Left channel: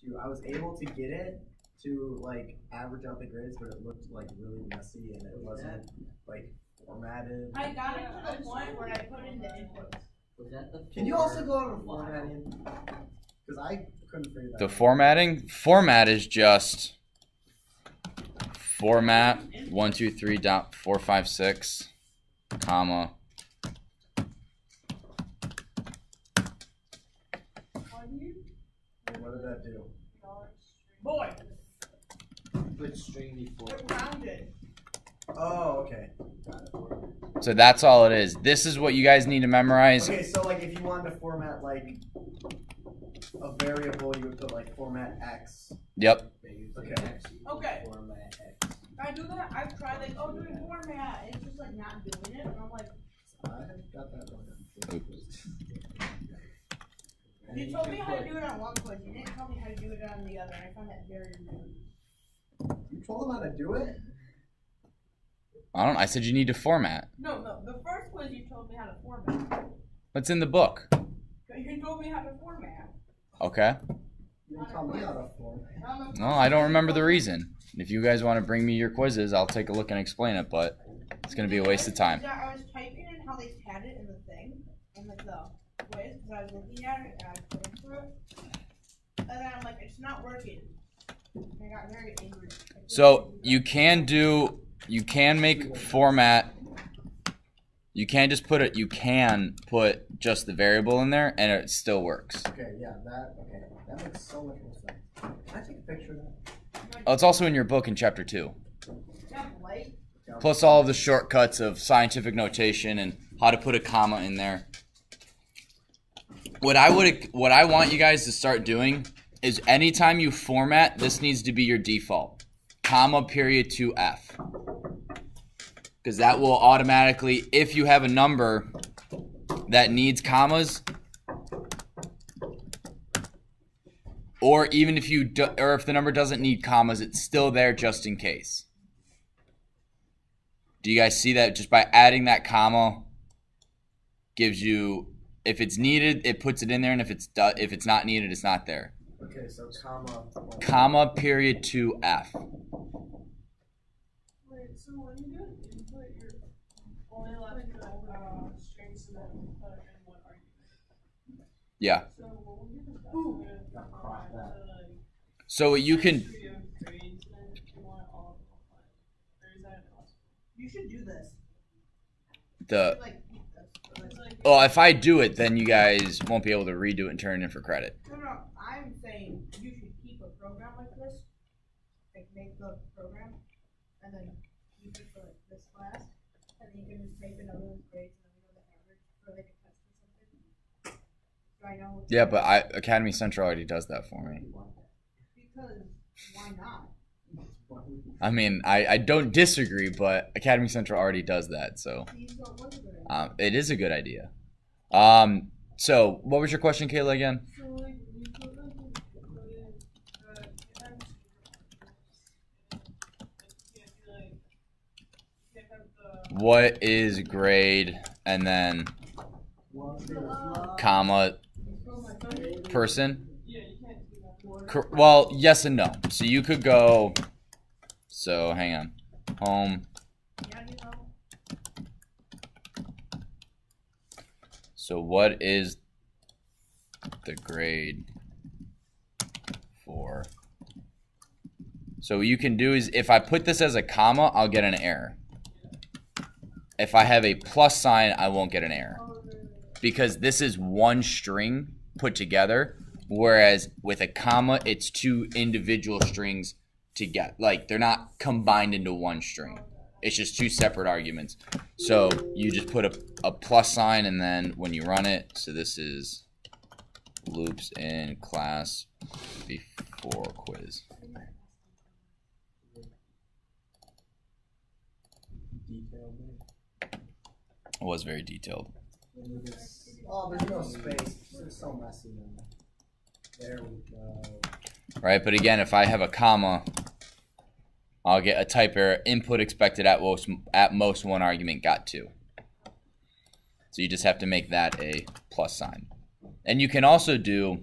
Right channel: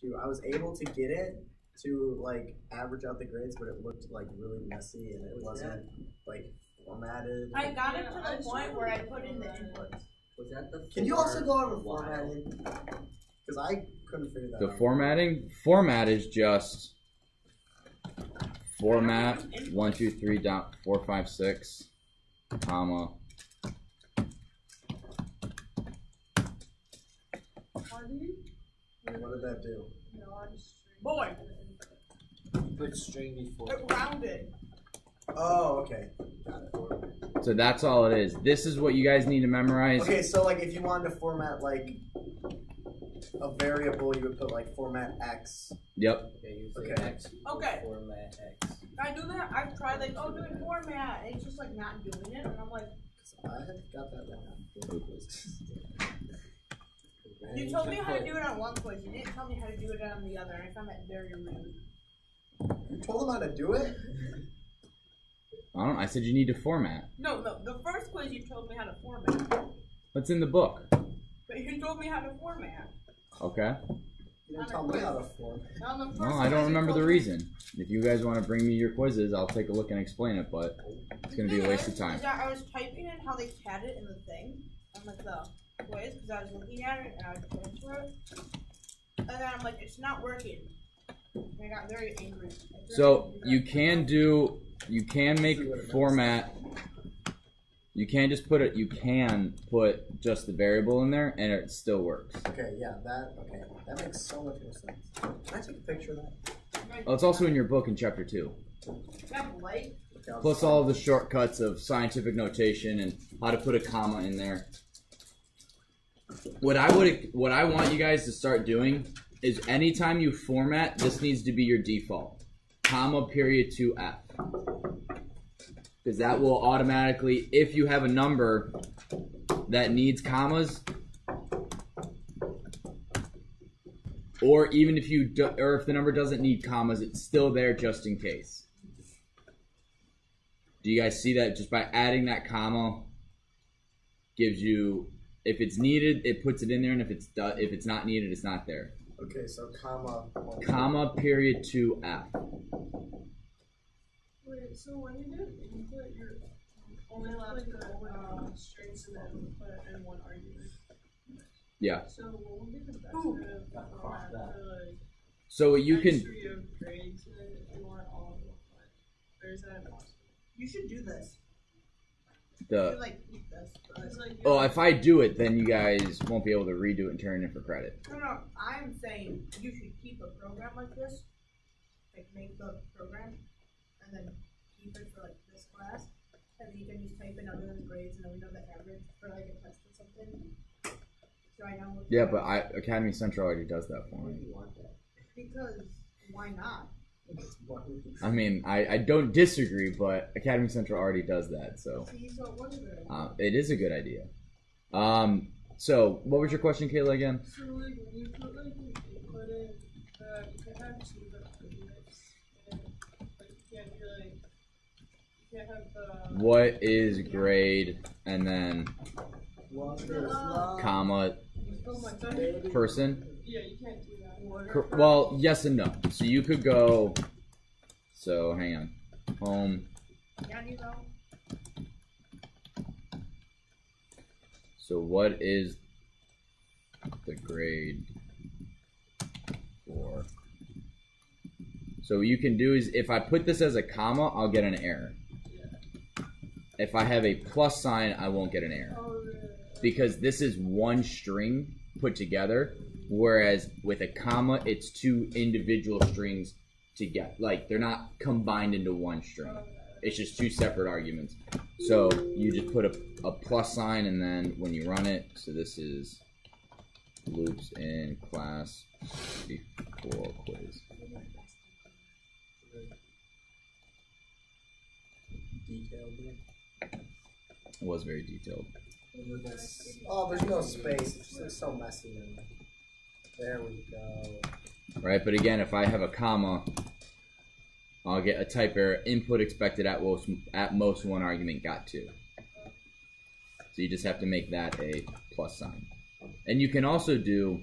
too. I was able to get it to like average out the grades, but it looked like really messy and it wasn't like formatted. I got it to the point where I put in the inputs. Was that the? Can you also go over formatting? Because I couldn't figure that The out. formatting? Format is just format 123.456, comma. What did that do? Boy, Put string before. it rounded. Oh, okay. Got it. So that's all it is. This is what you guys need to memorize. Okay, so like if you wanted to format like a variable, you would put like format X. Yep. Okay. Okay. Format X. I do that. I've tried like, oh, doing format. It's just like not doing it, and I'm like, I have got that wrong. you told me how to do it on one quiz. You didn't tell me how to do it on the other, and I found that very rude. You told him how to do it? I said you need to format. No, the first quiz you told me how to format, What's in the book? but you told me how to format. Okay. You didn't tell me how to format. On the first No, I don't quiz, you remember the told me- reason. If you guys want to bring me your quizzes, I'll take a look and explain it, but it's going to be a waste of time. Yeah, I was typing in how they had it in the thing, on like the quiz, because I was looking at it and I was going through it, and then I'm like, it's not working. And I got very angry. So you can make format. You can just put it. You can put just the variable in there, and it still works. Okay, yeah, that makes so much more sense. Can I take a picture of that? Oh, it's also in your book in chapter 2. Like, Plus all of the shortcuts of scientific notation and how to put a comma in there. What I want you guys to start doing is anytime you format, this needs to be your default. Comma period to F. Because that will automatically, if you have a number that needs commas, or even if if the number doesn't need commas, it's still there just in case. Do you guys see that? Just by adding that comma gives you, if it's needed, it puts it in there, and if it's not needed, it's not there. Okay, so comma. Comma period to F. Wait, so when you do input, you're only allowed to put strings and then put in one argument. Yeah. So what would be the best way to format the So you can. history of grades and then if you want all of them? Or is that impossible? you should do this. The You should, like, keep this. It's like well, if I do it, then you guys won't be able to redo it and turn it in for credit. No, I'm saying you should keep a program like this. Like, make the program, and then keep it for, like, this class. And then you can just type in other grades, and then we know the average for, like, a test or something. So I know. Yeah, but Academy Central already does that for me. Because, why not? I mean, I don't disagree, but Academy Central already does that, so See, so it was a good idea. it is a good idea. So what was your question, Kayla, again? so like when you put like an input in, you can't have two different arguments. And like you can't be like you can't have the What is grade and then comma person? yeah, you can't do that. Well, yes and no. So you could go. So hang on. Home. Yeah, you know. So what is the grade for? So what you can do is if I put this as a comma, I'll get an error. If I have a plus sign, I won't get an error. Because this is one string put together, whereas with a comma, it's two individual strings together. Like, they're not combined into one string. It's just two separate arguments. So you just put a plus sign, and then when you run it, so this is loops in class before quiz. It was very detailed. Oh, there's no space. It's so messy now. There we go. Right, but again, if I have a comma, I'll get a type error. Input expected at most one argument got two. So you just have to make that a plus sign. And you can also do.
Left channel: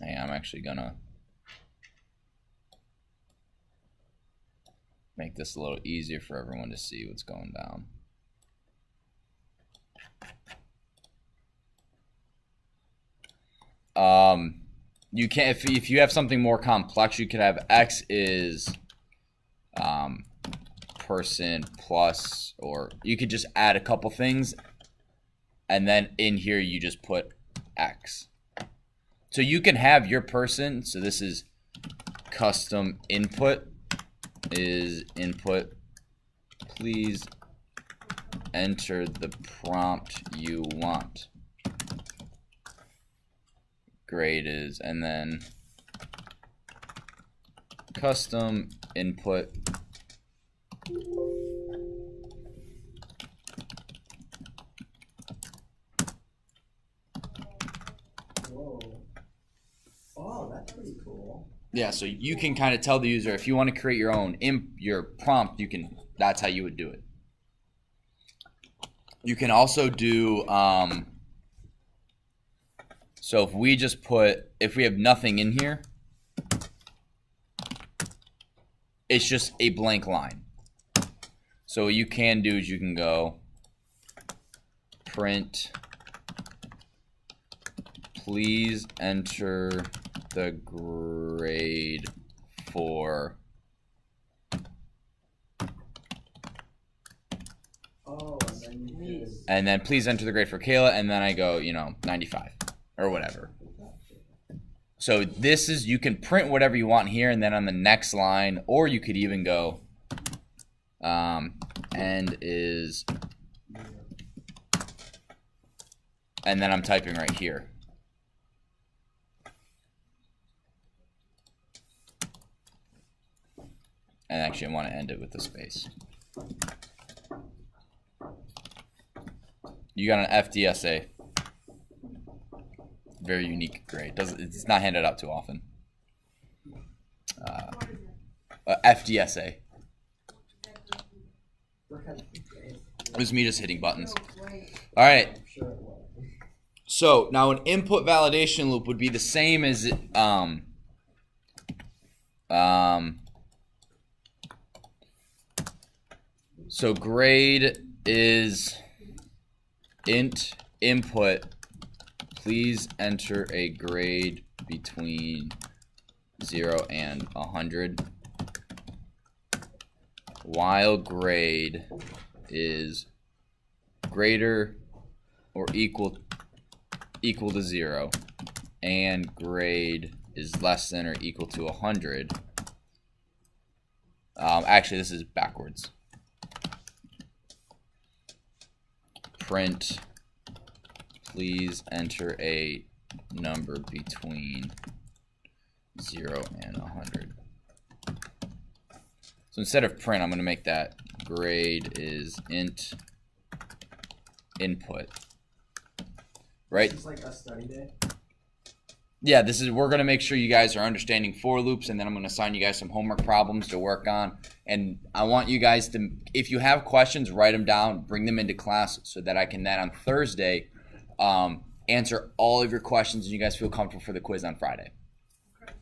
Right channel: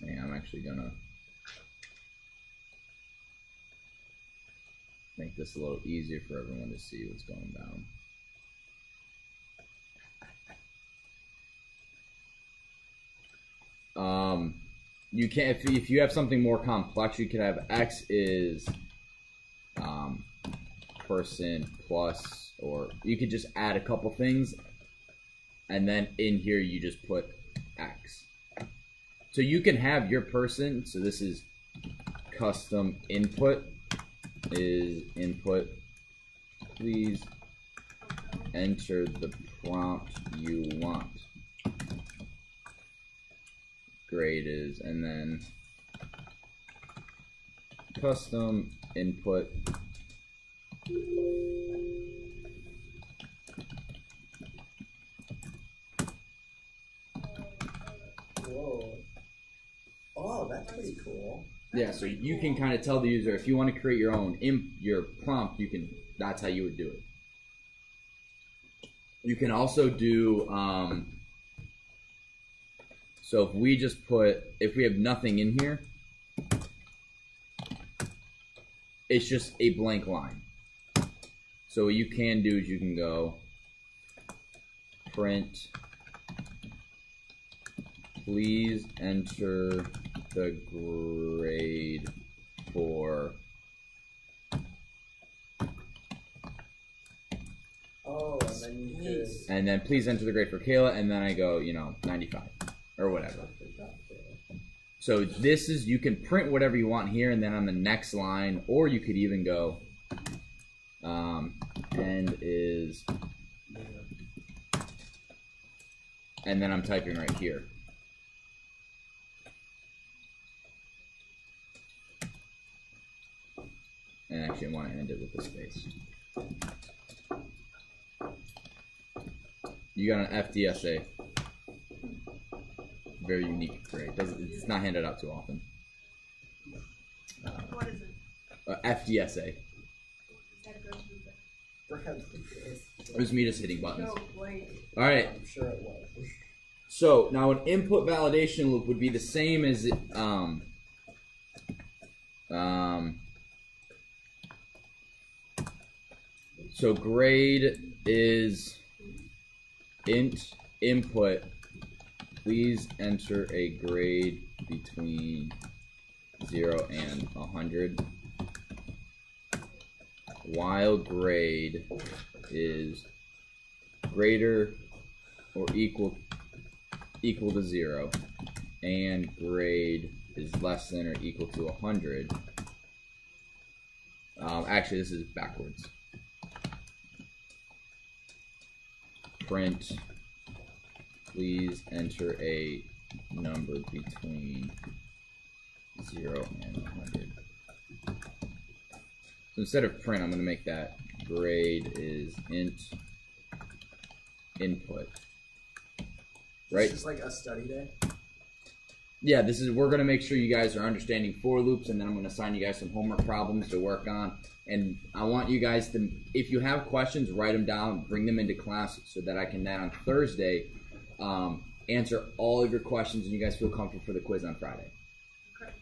Hang on, actually gonna make this a little easier for everyone to see what's going down. You can, if you have something more complex, you could have X is person plus, or you could just add a couple things, and then in here you just put X. So you can have your person, so this is custom input, is input, please enter the prompt you want. Grade is, and then custom input Whoa. Oh, that's pretty cool. Yeah, so you can kind of tell the user if you want to create your own your prompt, you can, that's how you would do it. You can also do so if we just put, if we have nothing in here, it's just a blank line. So what you can do is you can go print, please enter the grade for, Oh, and then you could. and then please enter the grade for Kayla, and then I go, you know, 95 or whatever. So this is, you can print whatever you want here, and then on the next line, or you could even go end is, and then I'm typing right here. And actually I want to end it with a space. You got an FDSA. Very unique grade. It's not handed out too often. What is it? FDSA. That goes through there. It was me just hitting buttons. No, great. All right. I'm sure it was. So now an input validation loop would be the same as it, so grade is int input, please enter a grade between 0 and 100, while grade is greater or equal to 0 and grade is less than or equal to 100. Actually, this is backwards. Print, please enter a number between 0 and 100. So instead of print, I'm going to make that grade is int input. Right? It's just like a study day. Yeah, this is, we're going to make sure you guys are understanding for loops, and then I'm going to assign you guys some homework problems to work on. And I want you guys to, if you have questions, write them down, bring them into class so that I can then on Thursday answer all of your questions and you guys feel comfortable for the quiz on Friday. Okay.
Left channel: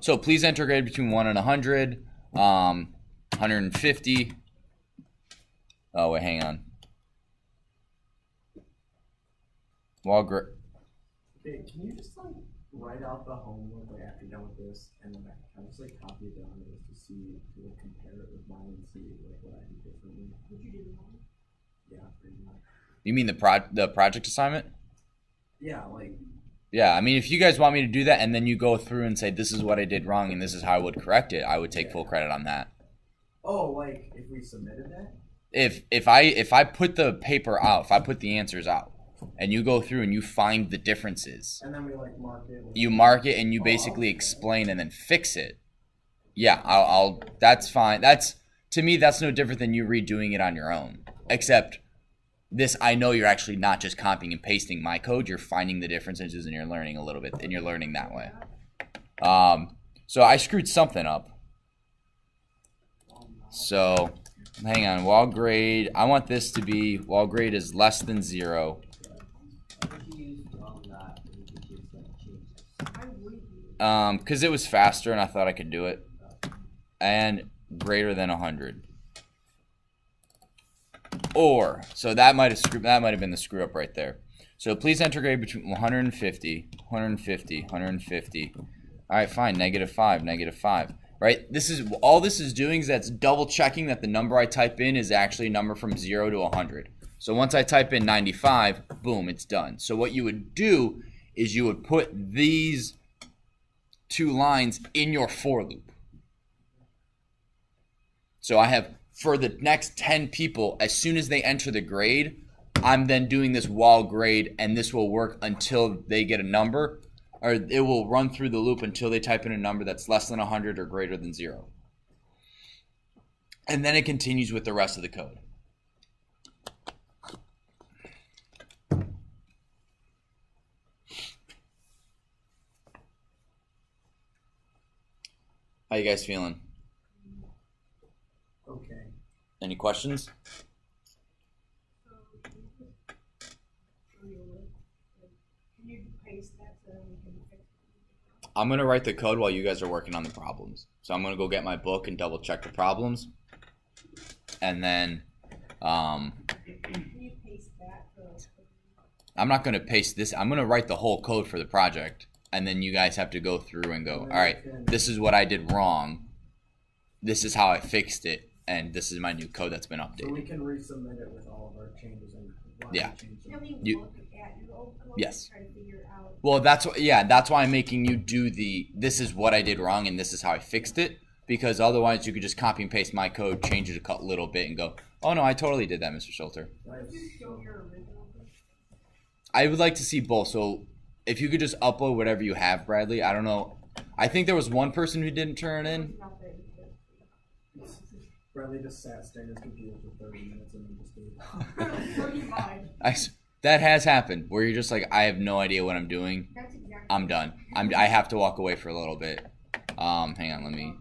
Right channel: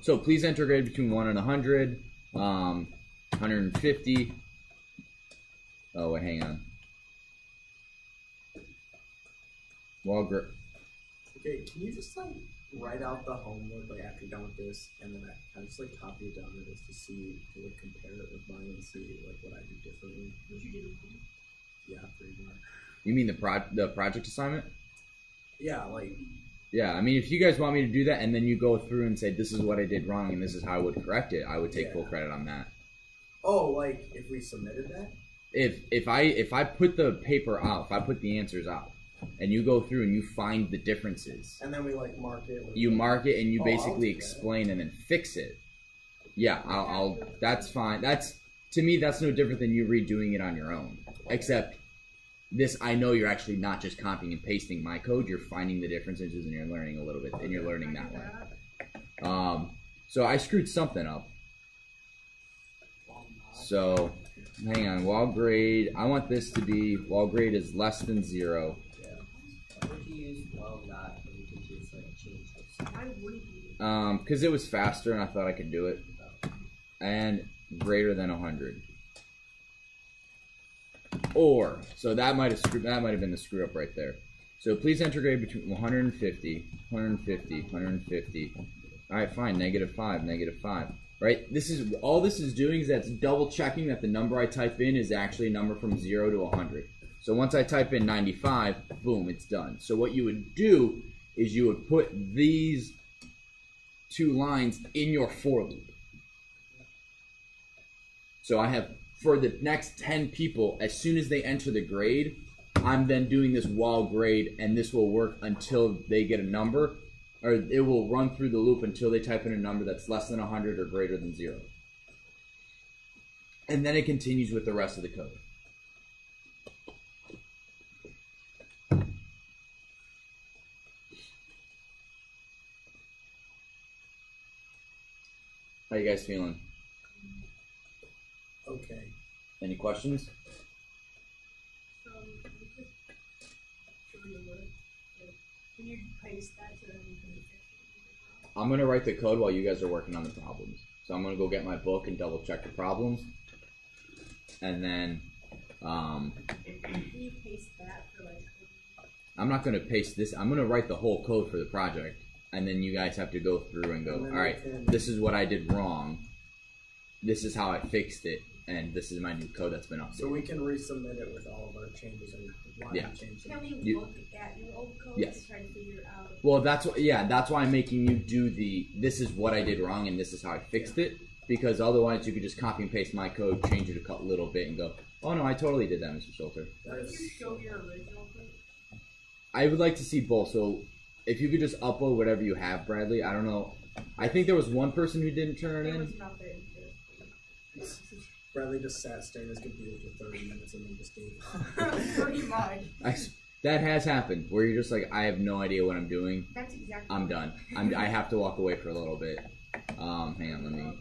So please enter grade between 1 and 100, 150. Oh, wait, hang on. Okay, can you just like write out the homework like after you're done with this, and then I just like copy it down to this to see, to like compare it with mine and see like what I do differently. What you do? Yeah, pretty much. You mean the project assignment? Yeah, like. Yeah, I mean, if you guys want me to do that and then you go through and say this is what I did wrong and this is how I would correct it, I would take full credit on that. Oh, like if we submitted that? If I put the paper out, if I put the answers out, and you go through and you find the differences, And then we like mark it. With you mark it and you Oh, basically I'll do that. explain and then fix it. Yeah, I'll that's fine. That's, to me, that's no different than you redoing it on your own. Except this, I know you're actually not just copying and pasting my code. You're finding the differences and you're learning a little bit, and you're learning that way. So I screwed something up. So hang on, while grade, I want this to be while grade is less than 0. What if you use well not and you can just like change this? I wouldn't use Because it was faster and I thought I could do it. And greater than 100. Or, so that might have been the screw up right there. So please enter grade between 150, 150, 150. All right, fine, -5, -5. Right? All this is doing is that's double checking that the number I type in is actually a number from 0 to 100. So once I type in 95, boom, it's done. So what you would do is you would put these 2 lines in your for loop. So I have, for the next 10 people, as soon as they enter the grade, I'm then doing this while grade, and this will work until they get a number, or it will run through the loop until they type in a number that's less than 100 or greater than 0. And then it continues with the rest of the code. How you guys feeling? Okay. Any questions? So you could show your work. Can you paste that so that we can fix it? I'm going to write the code while you guys are working on the problems. So I'm going to go get my book and double check the problems. And then Can you paste that for like? I'm not going to paste this. I'm going to write the whole code for the project. And then you guys have to go through and go, all right, this is what I did wrong. This is how I fixed it. And this is my new code that's been updated. So we can resubmit it with all of our changes and why Yeah. we changed Can them. we You- look at your old code Yes. to try to figure out? Well, that's why I'm making you do this is what I did wrong and this is how I fixed it, because otherwise you could just copy and paste my code, change it a little bit and go, oh no, I totally did that, Mr. Schulter. What if you show your original code? I would like to see both. So if you could just upload whatever you have, Bradley. I don't know. I think there was one person who didn't turn it There was in. nothing. Bradley just sat staring at his computer for 30 minutes and then just gave up. Pretty much. That has happened where you're just like, I have no idea what I'm doing. That's exactly. I'm done. I have to walk away for a little bit. Hang on, let me.